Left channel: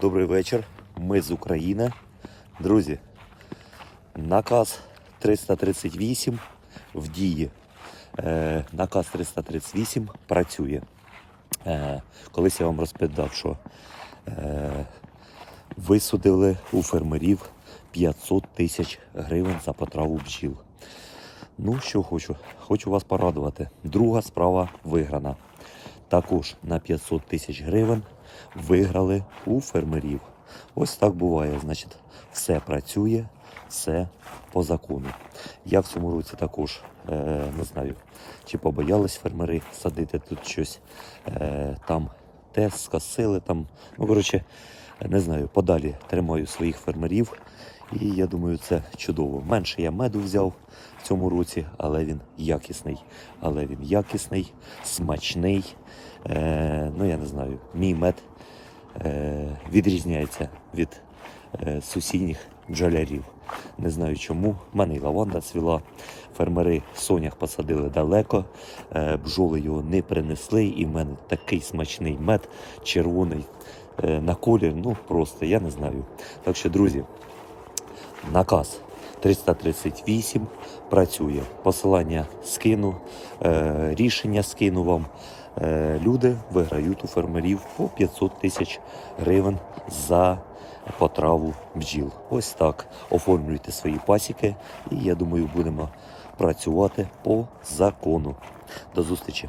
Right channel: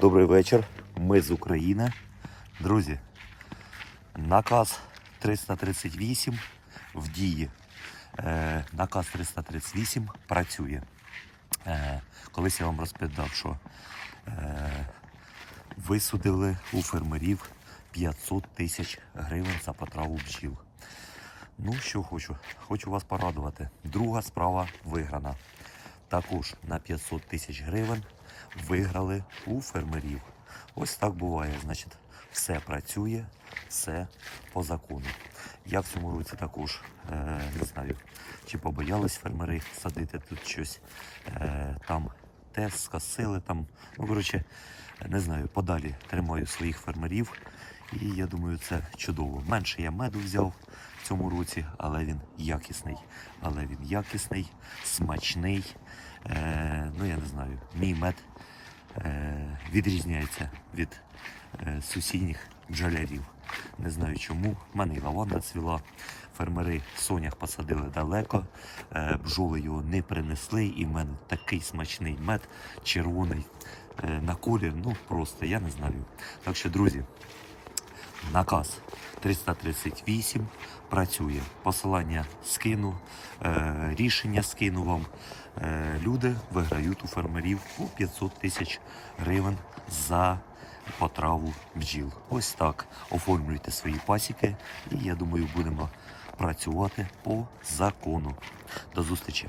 Добрий вечір. Ми з України. Друзі, наказ 338 в дії. Е, наказ 338 працює. Е, колись я вам розповідав, що е, висудили у фермерів 500 тисяч гривень за потраву бджіл. Ну, що хочу, хочу вас порадувати. Друга справа виграна. Також на 500 тисяч гривень виграли у фермерів. Ось так буває. Значить, все працює, все по закону. Я в цьому році також е, не знаю, чи побоялись фермери садити тут щось. Е, там те скосили, там, ну коротше, не знаю, подалі тримаю своїх фермерів. І я думаю, це чудово. Менше я меду взяв в цьому році, але він якісний. Але він якісний, смачний. Е, ну я не знаю, мій мед відрізняється від е, сусідніх бджолярів. Не знаю чому. В мене і лаванда цвіла. Фермери сонях посадили далеко, е, бджоли його не принесли, і в мене такий смачний мед, червоний е, на колір. Ну просто я не знаю. Так що, друзі, наказ 338 працює. Посилання скину, е, рішення скину вам. Е, люди виграють у фермерів по 500 тисяч гривень за потраву бджіл. Ось так оформлюйте свої пасіки, і я думаю, будемо працювати по закону. До зустрічі!